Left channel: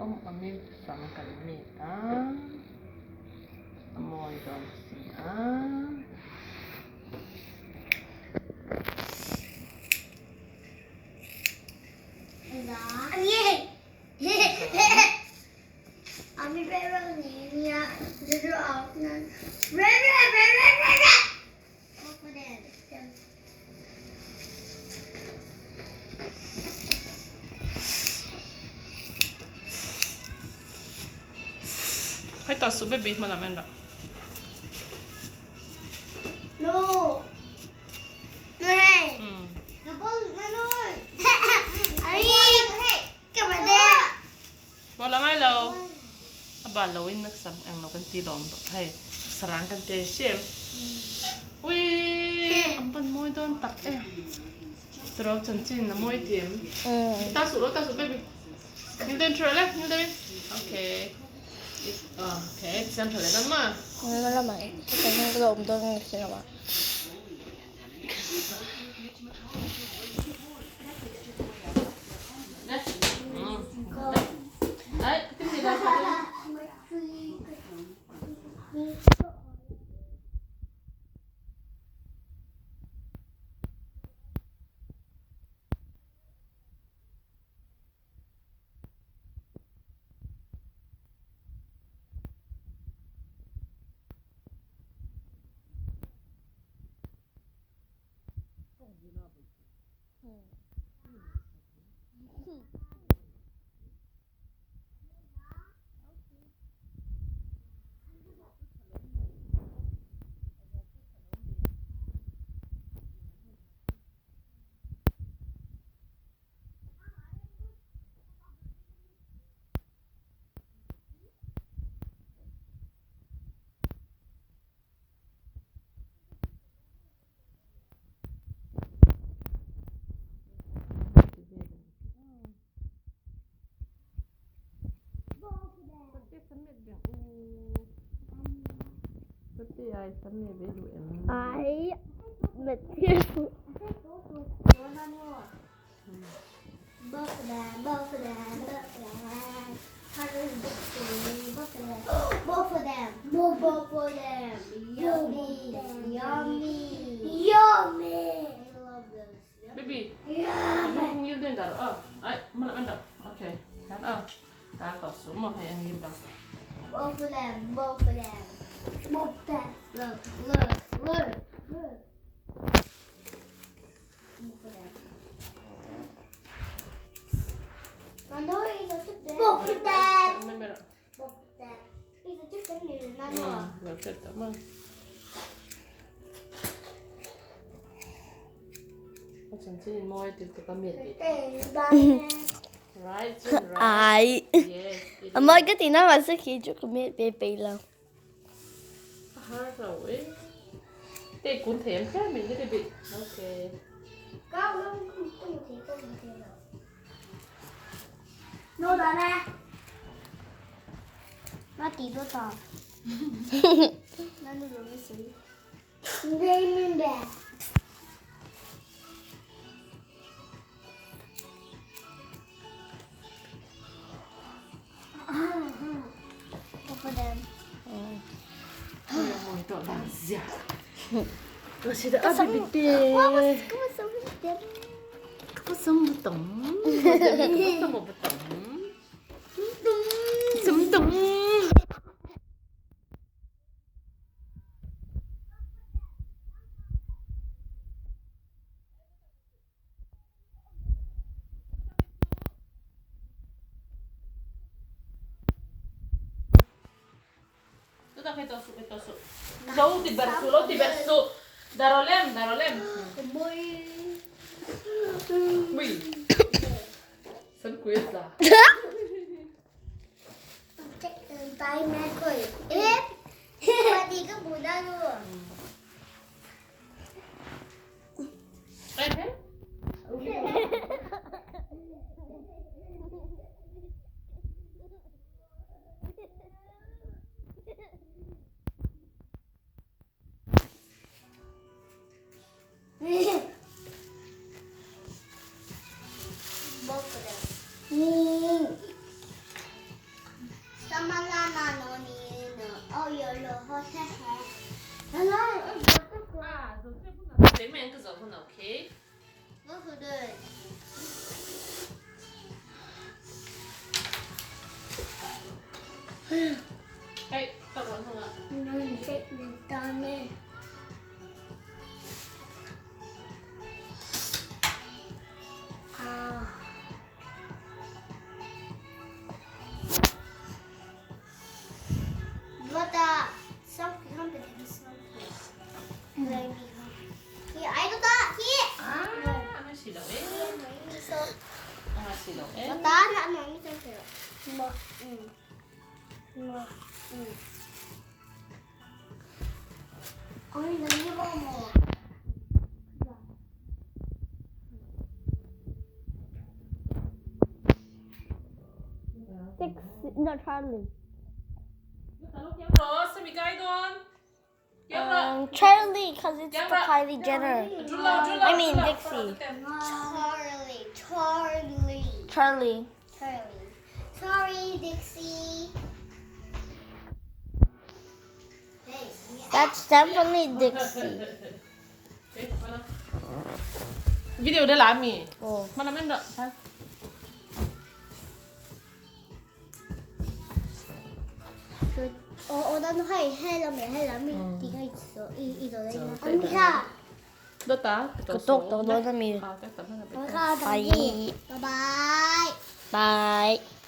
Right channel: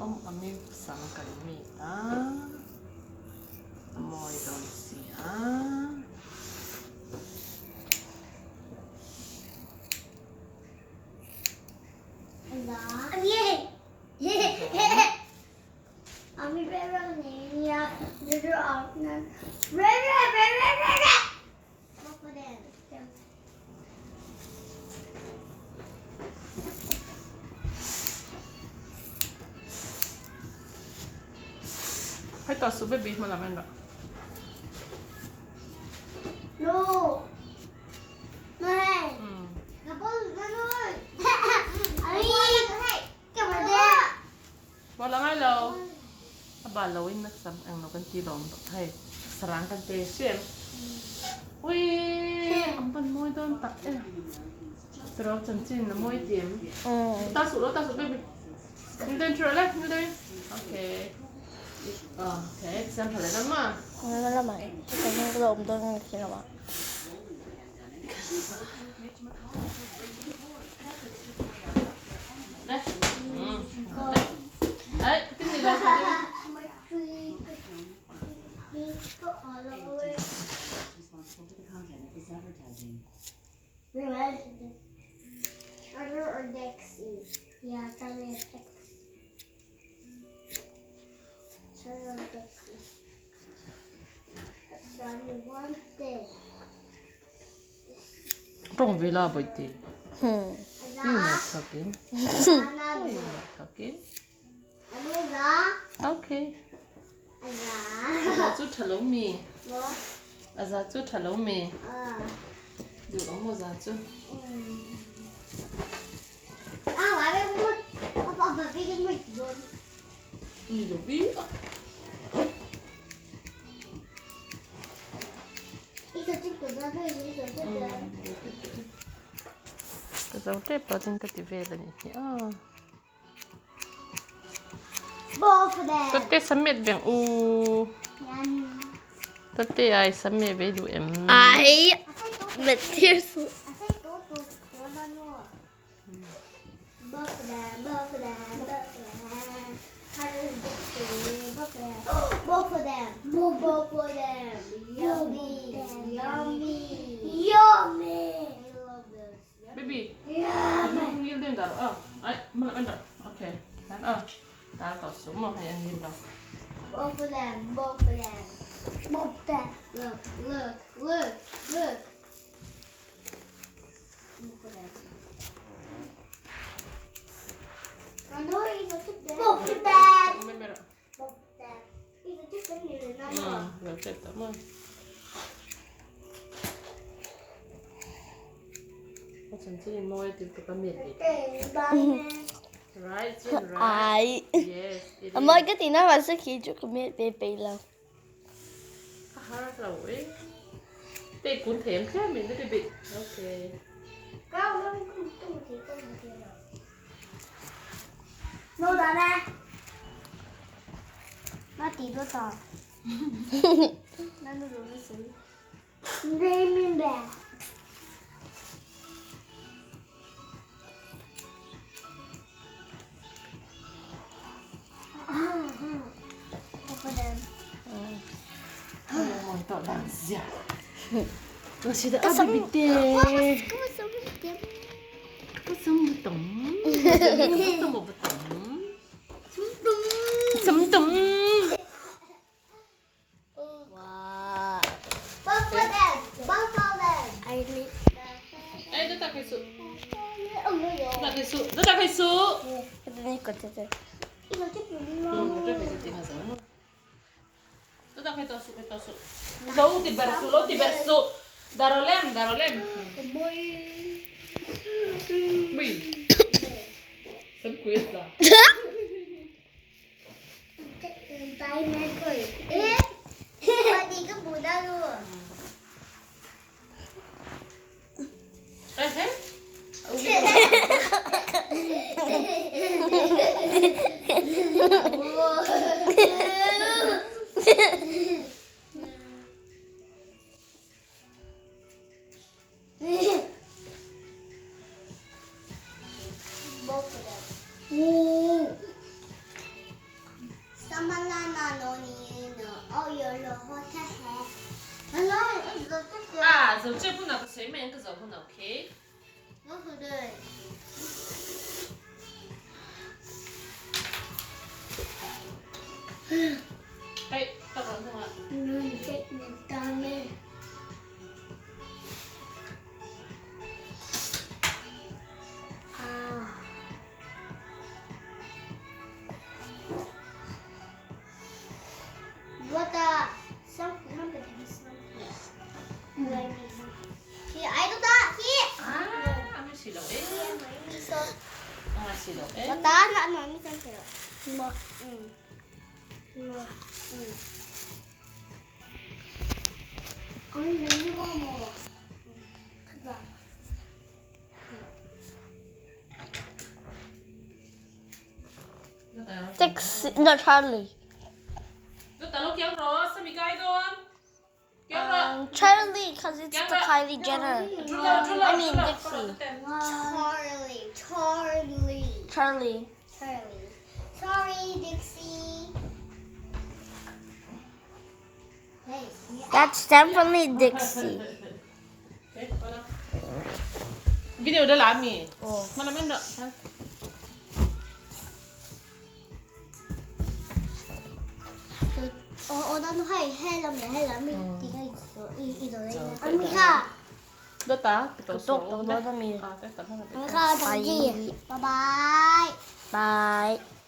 Ông mi sắm cái mì ta mồi đòn xì haให้ต่อซุปเบบี้มาละแม่นละบอลละไม่เราบาลเราอินนักสัมเองเรากันตีลองให้สร้างกันเตะเชี่ยวิอัมปันมวยโดนตักตรอกจันจินนะมวยเทียมตาสุดเบบี้นี่เดินช่วยเลยนี่เดินโอเคโอเคเซมเพลย์นั่นมาไม่ละไหมแต่ยังกระโดดตัวนี้คิดว่าเอ้ยขึ้นดีเลยตรงเวลาบ่อยตีอยู่ไหนสักกินโอเคอาจุดถล่มมีอาจุดถล่มมีอยู่ตรงหัวจุดอีลูบี้ก็จะเทปติ้งก็จะเวลานี่ก็เตะสมัยเบียงก็เตะไอ้สมัยเวดูไอ้เบ็ดที่สุดBoth of them. Yummy. Baby, Yummy. you doing that? I, mana? Okay. Ta có số 1 hay anh nhìn vào. Both of them. Look. I know he's a chip there. Both of them. He's a chip there. Rồi chết tao mà.ฉันจะมวยติดกับเมียดิ Right, right. ไอ้ Yes. อเมริกาที่น่าว่าสักทีจุกเมียเปย์แล้ว rồi. Tê cuốn thèm khác mình cái bị. Ok. Cao lắm không thì không thể đâu. Nô đó nè. Nó tí đốt tỏ. Nó đồ nó xí. Đây mình bè. Both of them. Mồi tao đang dẻo. Tôi sẽ đã bị tê. Có sống một tổng. Có một tổng. Sống tổng. Both of them. Ê, nó ta phải sự. Nó ta phải sự.นี่กดจะ Iba chip Nó ta phải tao sự. Đâu ti verso. Darolem. Mì. Sân quên ra. Tay mẹ cười. Ê. Mà đi cái bùi ra luôn. Ê thế. Both 하나 오케이. 너희들 헤이 따로 하나. 이제 내 다음에 아 이거다 something 한번 something 히 아이도다 히 아, ang silaw eh. 미소 Ang silaw eh. 맞다 나는 안 미소세요 뭐 언니 나 이거 먹어 가자 Dixie, no, Charlie. Ito talo kiyang Ross, samigay doon. Kiyang Ross. Charlie, because it's the Kylie Jenner. Jula. I mean, Dixie. Charlie Charlie. Sorry Dixie hey That's definitely Dixie. Video udah lami. Oh. Mana main dok? 나는 해라면 네가 있어 이 노래가 언니가 Dota. Tutok, tutok na mi. Ah, testa na. 내가 Bye. 바이바이 Bye.